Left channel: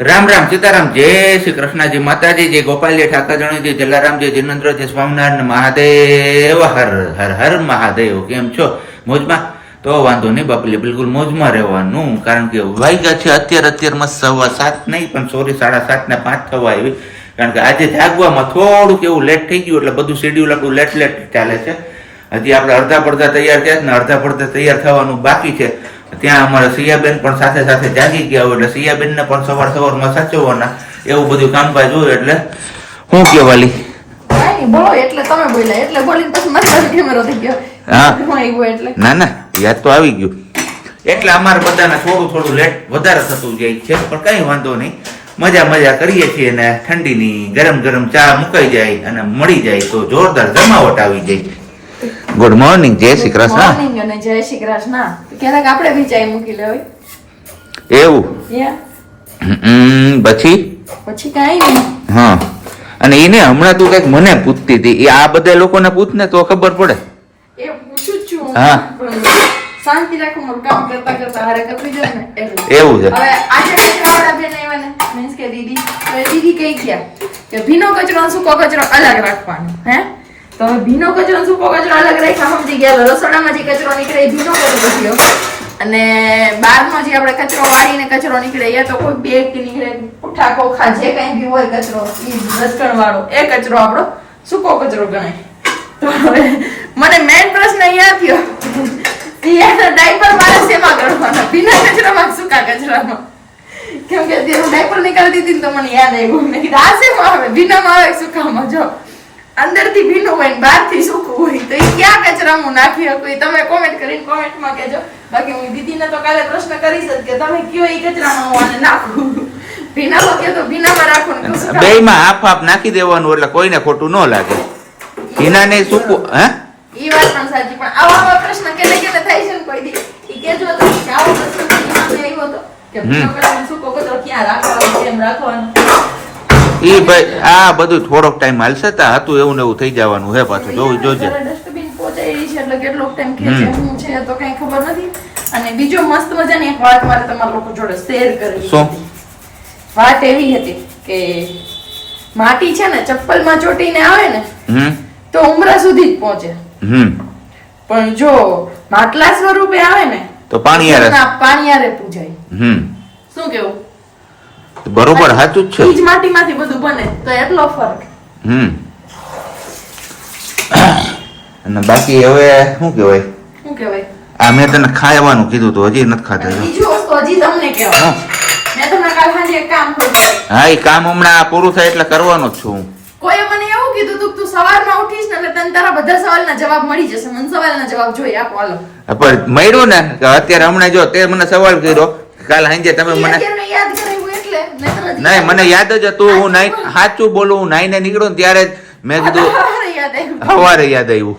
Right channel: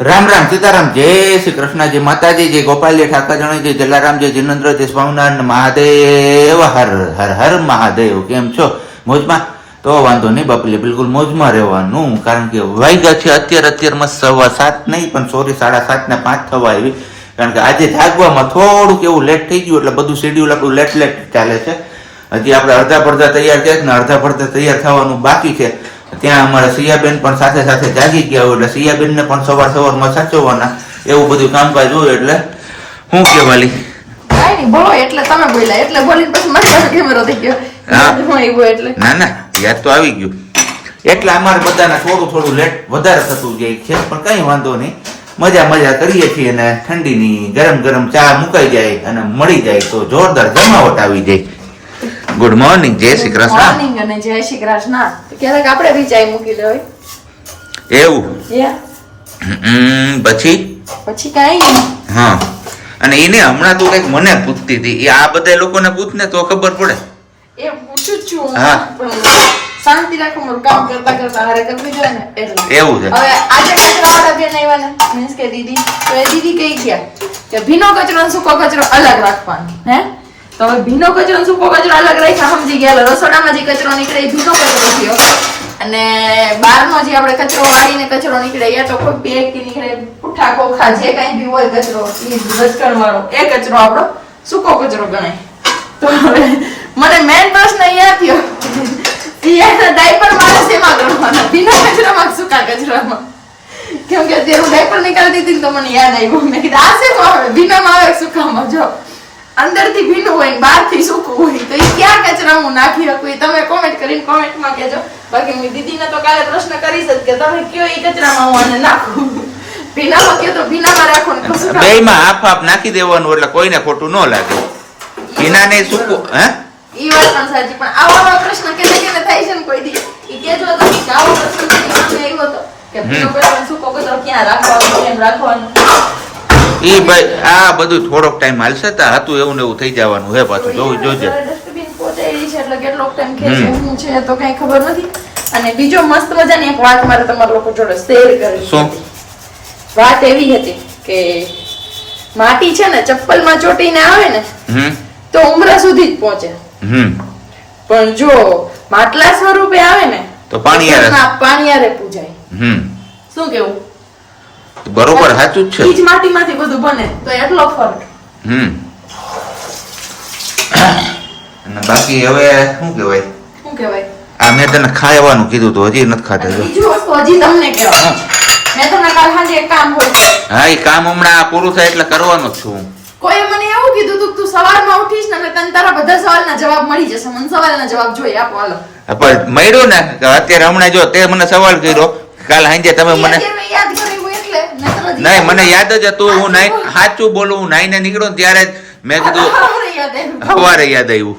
રામ રામ સીતારામ, જય શ્રી કૃષ્ણજી માતાજી, જય ગોપાલજી ઠાકરજણી, જય જલારામજી જિનેન્દ્ર, જય સ્વામિનારાયણ મહાદેવ, હર હર હર મહાદેવ, કેમ છો? મોજમાં? તો વાંધો નહીં બાપલી બિલકુલ મોજમાં રહેવાનું, કારણ કે વાગ્યા છે અત્યારે, અત્યારમાં સવા સાત નહીં, પણ સોરી, સાડા સાત ને પાંચ થવા આવી. કારણ કે આજે જાગવામાં થોડુંક એવું લેટ થઈ ગયું, એટલે બધું શેડ્યુલ આપણું લેટ લેટ ચાલે છે. હજી આપણે અડધા પડધા તૈયાર થયા ને અડધા પડધા તૈયાર થવાનું બાકી છે. ત્યાં અમારા સિયાબેન પણ સાથે સાથે જાગી ગયા હોય એટલે સિયાબેનને પણ સવાર સવારમાં સાચવવાના એવું બધું કામકાજ હોય એટલે શું કહેવાલી બોલો એટલે તમે બોલ્યા. એટલે બોલીને પછી મારો કેમેરો થઈ ગયો. હા. એટલે. ના ના યાદ તો આવી ગયું. એટલે અમારે બધાને થોડું થોડું લેટ વધારે થતું જાય છે પણ કઈ વાંધો નહીં. મજા મજા કરીએ છીએ અને ઠંડીની ગરમ ગરમ ચા મુકાઈ જાય અને મળી જાય તો જોરદાર જમાવટ આવી જાય. ગુડ મોર્નિંગ જય શ્રી કૃષ્ણ મોર્નિંગ અને જય શ્રી કૃષ્ણ. ક્યારેક આપણે બી ચાય મૂકી લેવી. એવું? પછી? પછી કાંઈ નહીં. હા. અને એને હમણાં તું કંઈક મને પૂછતી હતી. એ આ બધા લોકોને પૂછ ને તો ખબર પડે. એ પૂછું છું હા. શાંતિ રાખો મારું કામ કરતા કરતા હારે કરવી જાય ને એટલે. એવું છે. હવે આજે કચરાવાળા બેન આવ્યા ને. મીન્સ કે દીદી. તો એ દીદી કઈ ગયા? કે ભીનો કચરો સૂકો કચરો અલગ રાખવાનો. હે? તો હવે ભીનો કચરો સૂકો કચરો અલગ રાખ્યા સમજી ગયા. રસોડામાં જે કચરો નીકળે એ ભીનો કચરો થયો. અને બહારનો જે આપણે કચરો વાળીને કચરો નીકળે, યા તો કોઈ બેગ કે નીકળે, પુઠ્ઠા, ખોખા, જે કઈ બી હોય કચરો રસકણ વાળો. એ કચરો આપણો સૂકો કચરો ગણાય. તો મને મેન પ્રશ્ન અહીંયા થયો. ડાયપર મારે શેમાં ભીના કચરામાં સૂકા કચરામાં? કેમ કે હું ડાયપર નીકાળી દીધી ને તો મને યાદ આવ્યું. મેં કીધું, આ શેમાં આવે? ભીનામાં આવે સૂકામાં? જો. અંદરથી ભીનું હોય ને બહારથી સૂકું હોય તો એ ક્યાં કચરામાં નાખી શકું? એ તમે કોમેન્ટ કરીને કોમેન્ટમાં કહેજો. બાકી હું દીદીને તો કાલે પ્રશ્ન કરીશ જ કે તમે કયો એ કચરામાં હું આને નાખું? ભીનામાં કહો તો ભીનામાં રાખો ને બે માં હાફ હાફ નાખી દેવાનું એટલે કોઈને ખોટું ન લાગે. પીનાને સૂકું હે? ઈ વાત પણ સાચી પણ આવા આવા પ્રશ્ન કેને કેને થાય છે ને કોઈ દી? એ કેજો તો કે આવો પ્રશ્ન આવ્યો હતો કે ભીનો કચરો સૂકો કચરો ક્યાં રાખવાનો કેમ રાખવાનો? ઈ ભાઈ આ બધું થોડોક ટાઈમ હાલશે તા હતું એવું ને એવું થઈ જવાનું હે પાછું. જોવું જોજે. ડસ્ટબિન પહોંચાડી છે એટલે કેટલોક ટાઈમ ખેંચે. છે તો કઈ ખબર નથી. અને બીજો મસ્ત મજાની એક વાત મારે તમારા લોકો જોડે શેર કરી શું? વાત એવી હતી કે માટી છે ને ચપ્પલમાં ચોટીને આવે ને તો ઉમરા સુધી જ પહોંચે. હમ. પણ જો માટલા સ્વરૂપે આવે ને તો પાણીયારે પાણીયારે પૂજાય. શું કેવું? બરોબર સાચું જ છે. જ માટીમાંથી બધું બને તો એટલો ફરક. હમ. અને બાકી હવે શું કહેવાય? શું કહેવાય? આ મેં તને ખાવાનું કીધું તો હજી નથી ખાતા જો. હજી તમને કહેવાય હા. મેં તમને કાલ સાંજે એક કામ હા એ કામ હમણાં પૂરું થાય એટલે કરવાનું છું હું. કોઈએ મને એવું કીધું તું તું સવારમાં ઉઠીશ ને એટલે તને તારા બધા સવાલના જવાબ મળી જશે. મને સવાલના જવાબ જોઈએ આપો હાલો. પણ મળ્યું ને અત્યારે હમણાં જો તે મને સવાલ કર્યો કાલ સાંજે તમે મને યાદ નહીં મને યાદ જ હતું હું નાઈ સાચું બોલું હું નાઈને નીકળું ને ત્યારે મેં કીધું. સવારે યાદ આવ્યું.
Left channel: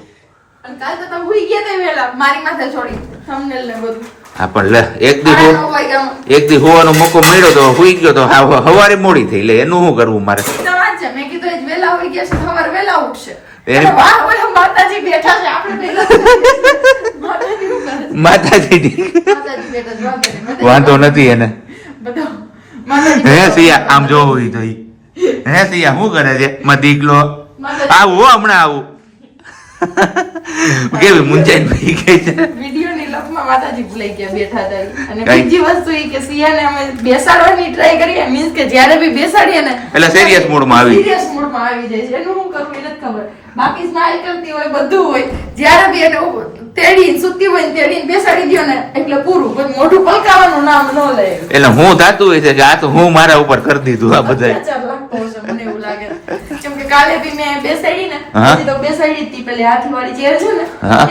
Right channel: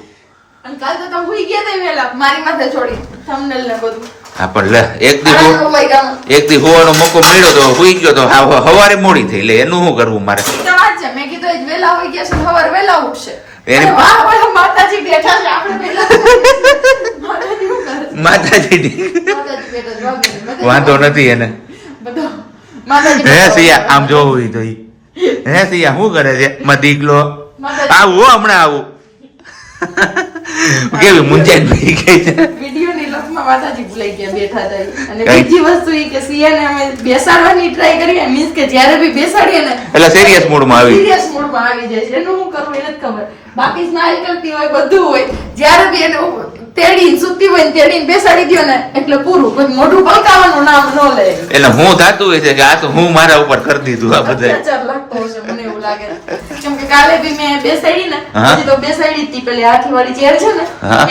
હા પણ લે એક દી. એક દી હોવાનો મોકો મળ્યો તો હુઈ ગયો તો હવારે મોડી થઈ લે એનું શું કરવું મારે? માતાજી વાંધો નથી એને. બધા હે સિયા આમ જોવું હોય તો. હે સિયા શું કરે છે? માં દીકલો આવું હો હમણાં આવું. કેવી મુંજાઈ ભાઈ ગઈ છે. માતાજી ભૂલાઈ ગયા બેઠા હતા અને બીજી વસ્તુ એ કે સિયાને અમે બેસાડવાની ટ્રાય કરીએ મીન્સ કે જ્યારે બી બેસાડીએ ને એટલે સિરિયસ મૂડમાં આવી. સિરિયસ મૂડમાં આવી જાય છે. એનું હું કરું એને જ ખબર. બાકી સ્માઈલ કરતી હોય બધું હોય. જ્યારે બી એને તેડીને સુતી હોય ને તેડીને બેસાડી દો ને એટલે પૂરું. પણ મોઢું પલકાવાનું નામ ન લે. એટલે હું થાતું હોય છે કે આ તો હું મારા ઉપર કરી દીધું આ બધા મને એવું લાગે કેમ કે કાલે બી મેં બેસાડી ને હા. તો બેસાડી હતી પેલી હાથીવાળી ચેર છે ને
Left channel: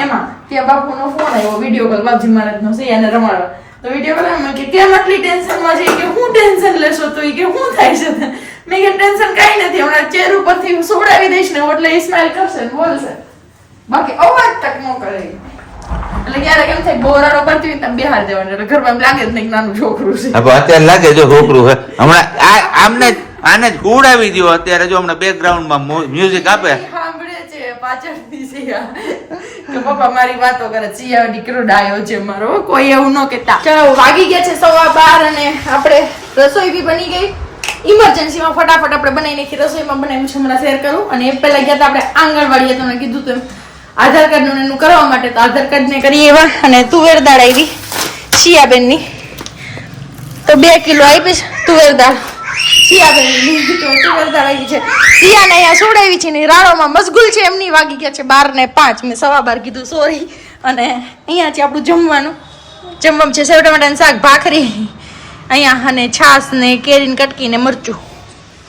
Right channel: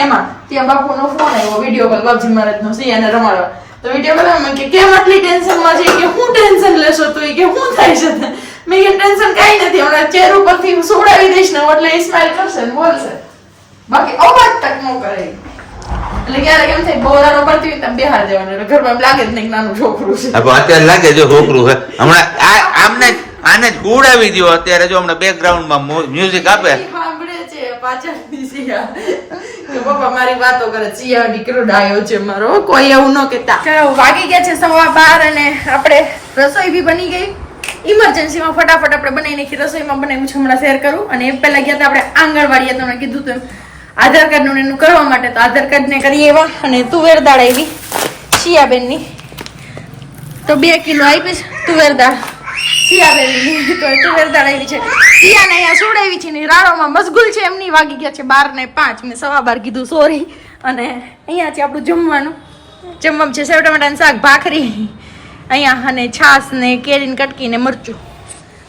એમાં. ત્યાં બાપુનો ફોન આવ્યો વીડિયો કોલ બાપજી મહારાજનો સિંહાને રમાડવા. તો વીડિયો કોલ કે કેમ આટલી ટેન્શનમાં છે? કે હું ટેન્શન લેશો તો? કે હું થાય છે? મેં કે ટેન્શન કઈ નથી. હમણાં ચેર ઉપરથી સોડાવી દઈશ ને એટલે એ સ્માઈલ કરશે ને બોલશે. બાકી અવાજ તક ન કરે. એટલે ક્યારેક એમ થાય બોરાનો પડતી હોય તમે બેહાર દેવાનું. એટલે ઘરમાં એમ લાગે જ નહીં નાનું છોકરું છે. હા, અત્યારે લાગે જો છોકરું હે હમણાં આ આમને આને જ ઉડાવી દ્યો અત્યારે જો હમણાં બેકગ્રાઉન્ડમાં મ્યુઝિક આપે. પાછળથી પપ્પા મારી વાતો કરે સિયા દીકરો ડાયો છે મારો. કોઈ એવું ન કહેતા. ચલો વાગી ગયા છે સવા બાર અને આપણે રસોઈ બી બની ગઈ. ઇમરજન્સીમાં ફટાફટ આપણે બનાવી રસોઈમાં બનાવ્યું છે, હમણાં શેર કરું. અને એ પહેલાં ગયા હતા આપણે આંગણવાડીએ તમને કીધું તેમ આધાર કાર્ડનું એનું કરવા માટે. તો આધાર કાર્ડને કરીએ એવા. અને તુવેર દાળ આવી શિયાબેનની તો બે કિલો આપીશ તુવેર દાળ. દાળ આવી છે. શિયાને અહીંયા છોડાવી છે ને રાણોમાં મશગુલ છે, એમની વાગી ગયા છે બાર ને પાંચ. મેં સવા બાર કીધું સોરી અને અહીંયા છે આપણું જમવાનું. જમવાનું છે સેવ ટમાટાનું શાક, ભાખરી. અહીંયા અને છાસ ને કેરીને કટકી ને મરચું.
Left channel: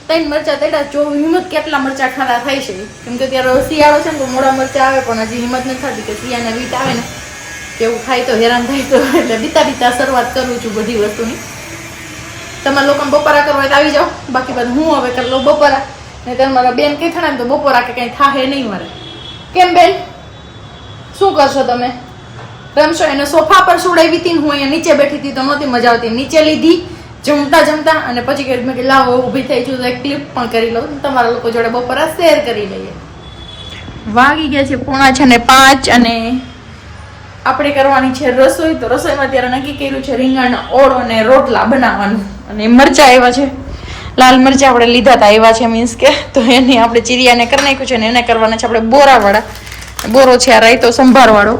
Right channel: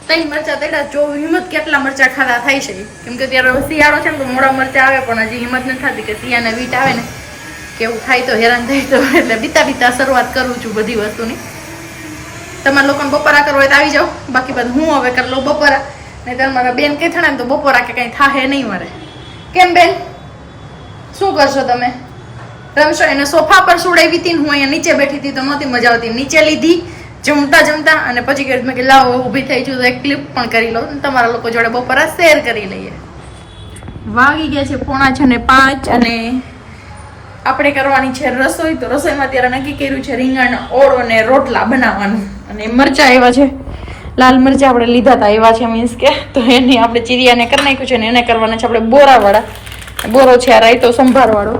ત્રણ મરચા તેડા જો હિંમત કેટલા મરચા ખાલા થાય છે. કેમ કે ત્યારે શિયાળો છે ને તો મોડા મરચા આવે, પણ હજી હિંમત નથી થતી કે શિયાને વીટ આવે ને. કે એવું થાય તો હેરાન થાય તો. એટલે બીતા બીતા શરૂઆત કરું છું બધી વસ્તુની. તમારા લોકોને બપોરા કરવા હોય તો આવી જાઓ. બાકી બધું હું હવે કરી લઉં બપોરા. નહીં તમારા બેન કઈ થાય ને તો બપોરા કે કંઈ થાહે નહીં મારે. કેમ બેન? શું કરશો તમે? રમશો? એને સોફા પર સુડાવી હતી હું અહીંયા નીચે બેઠી હતી તો નહોતી મજા આવતી. નીચે લીધી, જમતા જમતા, અને પછી કહ્યું મેં કે, લાવો, ઊભી થઈ છું, તો એક ક્લિપ પણ કરી લઉં. તમારા લોકો જોડે બપોરા શેર કરી લઈએ. વાગી ગયા છે પોણા છે ને પાંચ અને આપણે કરવાની છે રસોઈ. તો રસોઈમાં ત્યારે નક્કી કર્યું છે રીંગણ, ઓળો ને રોટલા બનાવવાનું. અને મરચા આવ્યા છે. લાલ મરચા આપણે લીધા હતા એવા છે મીન્સ કે. તો એની આપણે ચીરિયાને કરી નાખ્યું છે ને એને કરવાના છે આપણે બોરાવાળા. બોરો છે આ રાયતો સંભારવાળો.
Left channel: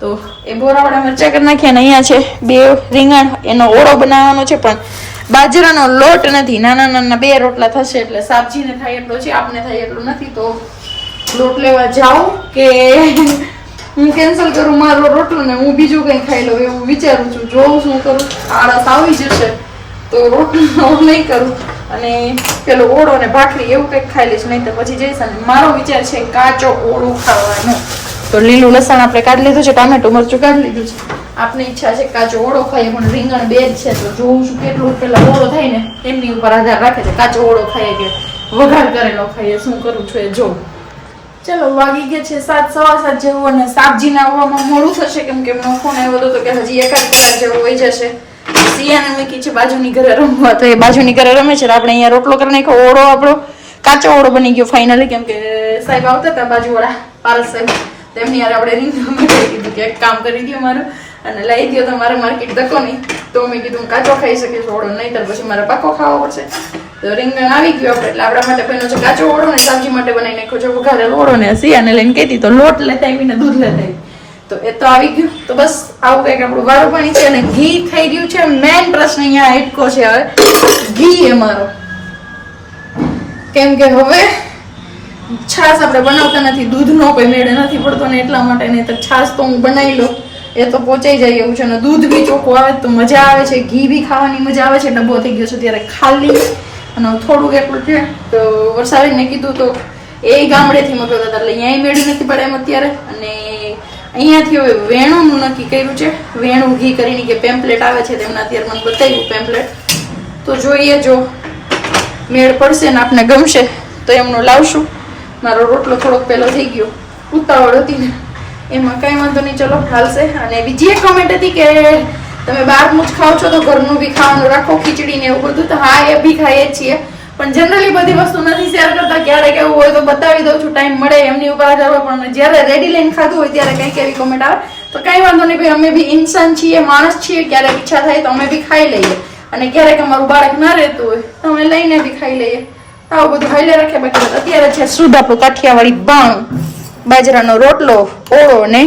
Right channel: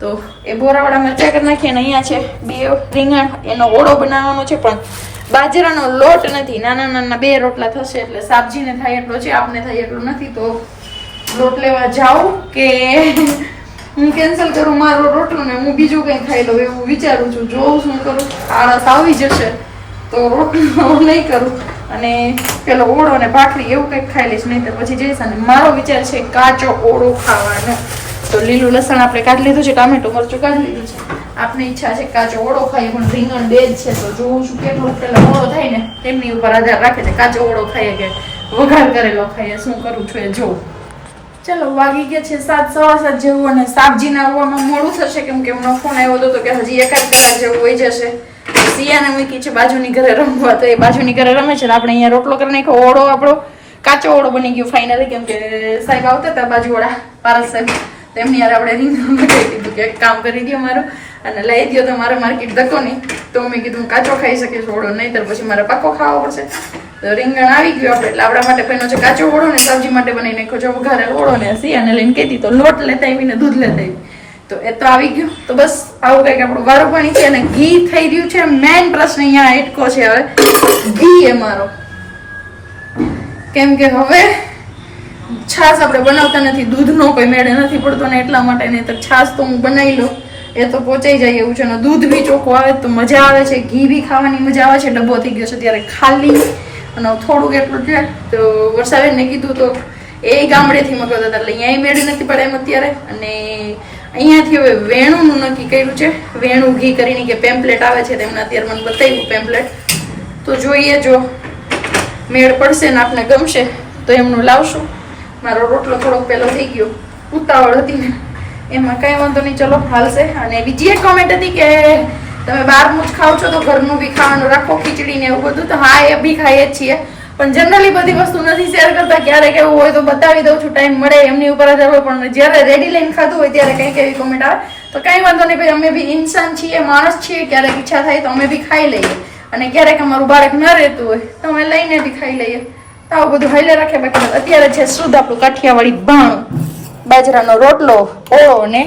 તો એ બોરાવાળા મરચા કરી નાખ્યા અને અહીંયા છે બે રીંગણ, એનો ઓળો બનાવવાનો છે, પણ બાજરાનો લોટ નથી. નાના નાના બે રોટલા થશે એટલે સાબજીને થાય એટલો છે, આપને થાય એટલું નથી. તો લોટ લેવા જાઉં કે હું કેન્સલ કરું મારો રોટલો ને હું બીજું કંઈ ખાઈ લઉં એવું વિચારું છું. જોઉં શું કરું આળસ આવી જશે. તો રોટલો નહીં કરું. અને પેલો ઓળો ને ભાખરી એવું કંઈક ખાઈ લઈશ, નહીં તો પછી જઈશ અને મારો વિચાર છે કાચો ઓળો ખાવાનો. તો લીલું લસણ આપણે કાઢી લીધું છે, ટામેટું મરચું કાઢી લીધું છે. આપની ઈચ્છા છે કાચો ઓળો ખાઈએ, પણ રીંગણ બે જ છે, તો જોઉં છું કેટલું પેલો ઓળો થાય ને તેમની ઉપર આધાર રાખે છે, કાચો ઓળો ખાઈએ કે વઘાર કરેલો ખાઈએ, શું કરું છું એ જોઉં. ચલો, વાગી ગયા છે સાત, સવા સાત જેવું, અને સાબજીના આવવામાં મોડું થશે, કેમ કે એમનો ફોન આવ્યો હતો કે હજી એકાદ કલાક જેવો વહી જશે. સિયાને મૂકી છે બાજુની ઘરે રમવા. તો એ બાજુની ઘરે રમે છે તો આપણે અહીંયા રોટલો કરી નાખ્યો. ઓળો આપણો કાચો ઓળો બની ગયો ફાઇનલી કેમ કે સાહેબ આવતા હતા બાજુવાળા, પારસ સાહેબ. તો એમની યાર આપણે રીંગ કહી દીધું કે એક કામ કરી દો મારું અને લઈ ગયો તો મારે માર્કેટ ધક્કો નહીં. તો મેં કીધું કાચો ખાઈ શકીશ ઓળો નહીંતર પછી મારે પાકો ખાવો પડશે. તો રીંગણ આવી ગયું આપણે. એટલે આપણા માટે પહેલો છે કાચો ઓળો ને સબ્જી માટે બનાવી નાખ્યો છે. વઘારેલો ઓળો ને સિયાને લઈને કહેતી તો લોટ લેતા આવીને દૂધ લેતા આવી તો એ તો આવી ગયું. તો બસ આવું કંઈક આપણું વારું પાણી છે અને ઘી થઈ રહ્યું છે. મેઇન પ્રશ્ન અહીંયા એટકો છે હવે. ઘી એ મારો. કેમ કે હવે છાશ આપણે બનાવતા નથી, દૂધનો કોઈ મેળે નથી પડતો ને એટલા માટે નહીં તો છાશ તો હું બનાવી લઉં. એ તો પહોંચાઈ જાય એવું છે અને દૂધ બી ચોખ્ખું આવે તો મજા આવે છે, ઘી બી ખાવાની મજા આવે છે, ડબ્બો થઈ ગયો છે ત્યારે ખાલી. અને થોડુંક એટલું છે, તો વરસાદને કીધું તો એ ગામડેથી મગાવતા હતા એટલે અહીંયા મેળવી નથી પડે એમ અત્યારે. અને અહીંયાથી હવે વેણુંનું નક્કી કર્યું છે. વેણું ઘી કરીને કે પેમ્પલેટ આવે છે તેમના અત્યારે મને બતાવ્યું પેમ્પલેટ તો જોઈએ જો મેળ પડશે ને આપને ગમશે, તો એમનું લાવશું. મારો રોટલો થોડોક પેલો થઈ ગયો. ઉતાવળ હતી ને. એમાં કાંઈ વાંધો નહીં, ચલો, હાલશે. અને બીજી એક કોમેન્ટ હતી કે તમે બહારનું જ ખાવ છો તો ઘરનું બી ખાવાનું રાખો, ખીચડી ને એવું બધું. તો હા, એ બી ખાઈએ જ છીએ. પણ જનરલી બધી વસ્તુ નથી શેર કરતા. ક્યારેક એવું હોય તો બતાવી દઉં છું ટાઈમ મળે, એમની ઉપર આધાર હોય. પણ જ્યારે રેડી લઈને ખાધું હોય ત્યારે કંઈક એવી કોમેન્ટ આવે. તો કાંઈ વાંધો નહીં, ભાઈ, અમે બી ઇન્સાન છીએ, માણસ છીએ. ક્યારેક ઈચ્છા થાય તો અમે બી ખાઈ લઈએ. અને ક્યારેક અમારું બાળક ન રહેતું હોય તો અમે લઈને બી ખાઈ લઈએ. તો આવું બધું હાઈલા રાખે. બાકી અત્યારે છે શુદ્ધ આપણું કાઠિયાવાડી બાણું, બાજરાનો રોટલો, ઓળો ને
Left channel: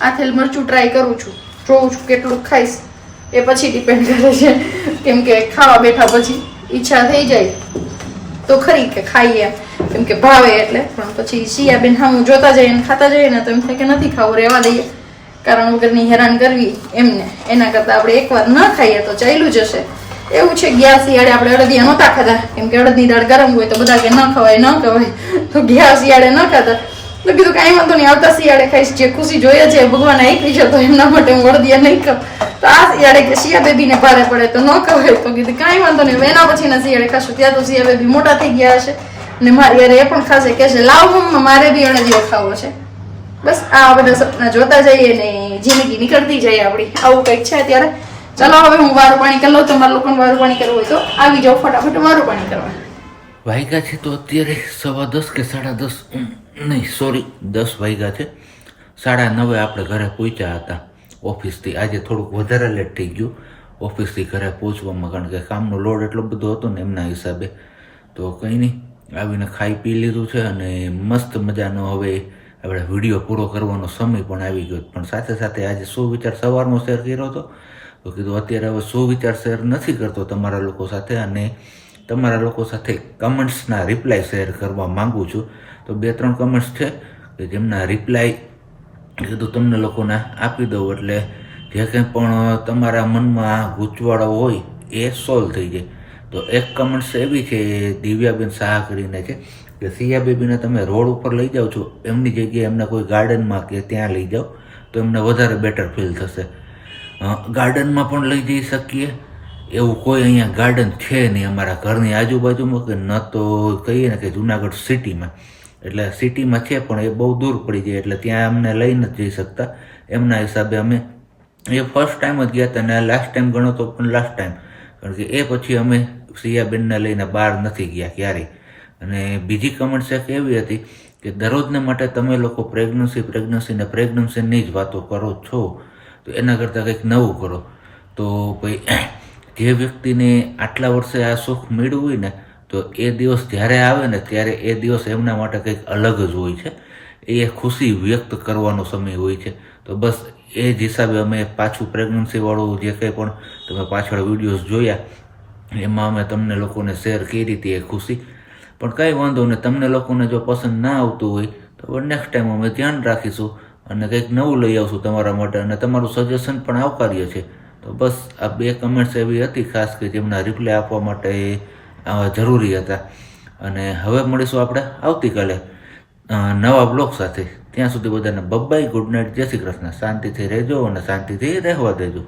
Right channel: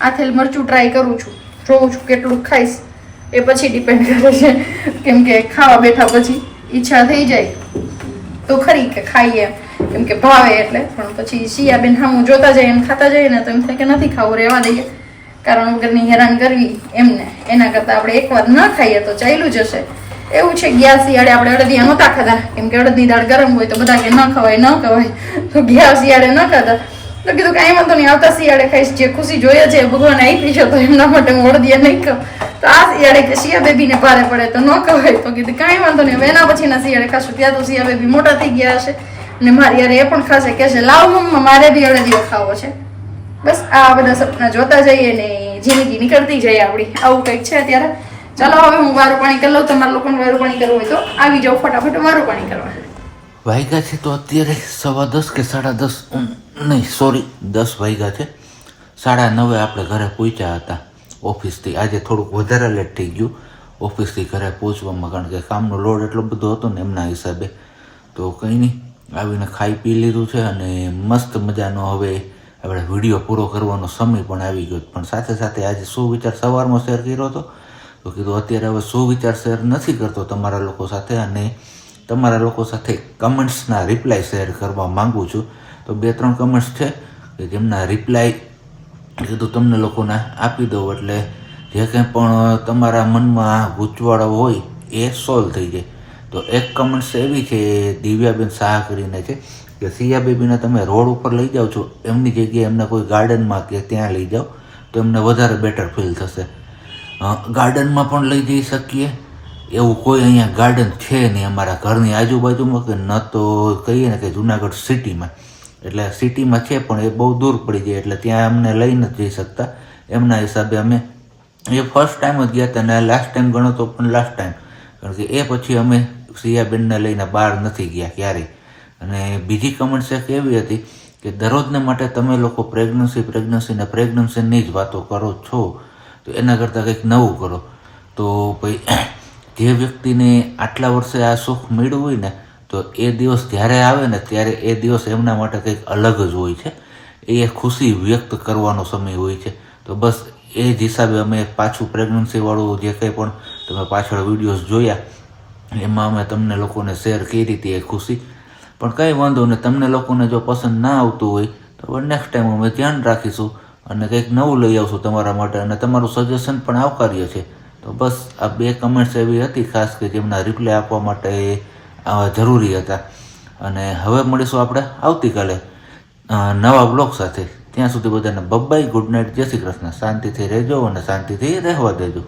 આથેલ મરચું ટ્રાય કરું છું. જોઉં છું કેટલું ખાઈશ. એ પછી ડિપેન્ડ કરે છે. કેમ કે ખાવા બેઠા પછી. ઈચ્છા થઈ જાય તો ખરી કે ખાઈએ. કેમ કે ભાવે એટલે. પણ પછી શિયાબેન હા હું જોતા જઈએ ખાતા જઈએ ને તો એમ થાય કે નથી ખાવું, રહેવા દઈએ. કારણ વગરની હેરાન કરવી એમને. એના કરતાં આપણે એકવાર ન ખાઈએ તો ચાલ્યું જશે. એવું છે ગયા શિયાળે આપણે અડદિયા નહોતા ખાતા કેમ કે અડદની દાળ ગરમ હોય તો બધા કે ન ખવાય ન ખવાય. તો ગયા શિયાળે ન ખાતા તો કીધું કાંઈ વાંધો નહીં, આવતા શિયાળે ખાઈશ, જે ખુશી જોઈએ છે ભગવાન આપી છે, તો એમના માટે હું અડદિયા નહીં ખાઉં. તો આ શિયાળે કે શિયા બેબીને ભારે પડે તો ન ખવાય તો કીધું, કાંઈ વાંધો નહીં એના એના પછીના શિયાળે ખાશું. ત્યાં તો શિયા બેબી મોટા થઈ ગયા હશે. ને મારી યાર એ પણ ખાશે કે છે, લાવ મમ્મા, મારે બી અડદિયો ખાવો છે. બસ, આ બધા સપના જોતા જઈએ ને જિંદગી નીકળતી જાય આપણી. આવું કંઈક છે અત્યારે. ચલો, હવે હું વારું પાણી કરી લઉં, તમારે લોકોને વારું પાણી કરવું હોય તો આવી જાઓ ફટાફટ, વારું પાણી કરવા. વાગ્યા છે તો અત્યારે સવા દસ કે સાડા દસ નહીં, સોરી, દસ વાગ્યા છે. સાડા નવે આપણે ઘરે પહોંચ્યા હતા. ઓફિસથી. આજે થોડુંક વધારે લેટ થઈ ગયું. ઓફિસથી ઘરે પહોંચવામાં કારણ કે કામનો લોડ એટલો બધો હતો ને એમના હિસાબે. તો કંઈ નહીં, આવીને ખાઈ પી લીધું છે અને મસ્ત મજાનો હવે આપણે વીડિયો પૂરો કરવાનો સમય પણ આવી ગયો પણ સાથે સાથે આજે શું વિચાર સવારમાં શેર કર્યો હતો. તો કીધું અત્યારે હવે શું વિચાર શેર નથી કરતો તમારા લોકો સાથે અને તમારા લોકો સાથે કમેન્ટ્સના રિપ્લાય શેર કરવા માગું છું. તો બે ત્રણ કમેન્ટ્સ છે કે જેમના રિપ્લાય કીધું, તમને લોકોને આપી દઉં એટલે જે કંઈ પણ તમારા મનમાં ગૂંચવાળો હોય એ સોલ્વ થઈ જાય. તો એક કમેન્ટ્સ એવી છે, દિવ્યાબેન શાહ કરીને છે કે સિયા બેબીને તમે રોડ ઉપર લઈ જાઓ છો, એમની જગ્યાએ એમને કોઈ ગાર્ડનમાં કે ત્યાં લઈ જાઓ, તો એમને વધારે બેટર ફીલ થશે. ગાર્ડનમાં પણ લઈ જઈ શકીએ. એવું કોઈ અહીંયા ગાર્ડન છે નહીં અમારા ઘરની આજુબાજુમાં કે ન તો કહીએ ને કે જુનાગઢ સિટીમાં. એટલે સિટીમાં છે પણ એ બહુ દૂર પડી જાય એટલે ત્યાં અમને લઈ નથી જઈ શકતા. એમના હિસાબે અમે એ ફર્સ્ટ ટાઈમ જ ગયા હતા અને લાસ્ટ ટાઈમ ગણો તો પણ લાસ્ટ ટાઈમ કારણ કે એ પછી અમે સિયાબેનને લઈને બહાર નથી ગયા ક્યારેય. અને બીજી કમેન્ટ શેક એવી હતી કે દરરોજને માટે તમે લોકો પ્રેગ્નન્સી પ્રેગ્નન્સી ને પ્રેગ્નન્સીની જ વાતો કરો છો. તો એના કરતાં કંઈક નવું કરો. તો ભાઈ, જે વ્યક્તિને આટલા વર્ષે આ સુખ મેળવ્યું હોય ને તો એ દિવસ જ્યારે આવે ને ત્યારે એ દિવસ એમના માટે કંઈક અલગ જ હોય છે. એ ખુશી વ્યક્ત કરવાનો સમય હોય છે. તો બસ એ જ હિસાબે અમે પાછું પ્રેગ્નન્સીવાળું જે કંઈ પણ તમે પાછળ વિડીયોઝ જોયા, એમાં અમે તમને લોકોને શેર કરી હતી એ ખુશી. પણ કંઈ વાંધો નહીં, તમને લોકોને જો પસંદ ના આવતું હોય, તો નેક્સ્ટ ટાઈમ અમે ધ્યાન રાખીશું અને કંઈક નવું લઈ આવશું તમારા માટે અને તમારું સજેશન પણ આવકાર્ય છે. તો બસ આ બે કમેન્ટ્સ એવી હતી ખાસ કે જેમના રિપ્લાય આપવા માટે જરૂરી હતા. અને હવે મળીશું આપણે આવતીકાલે નવા બ્લોગ સાથે. ત્યાં સુધી બધાને બબ્બાઈ ગુડ નાઇટ જય શ્રી કૃષ્ણ. શાંતિથી રહેજો અને શાંતિથી રહેવા દેજો.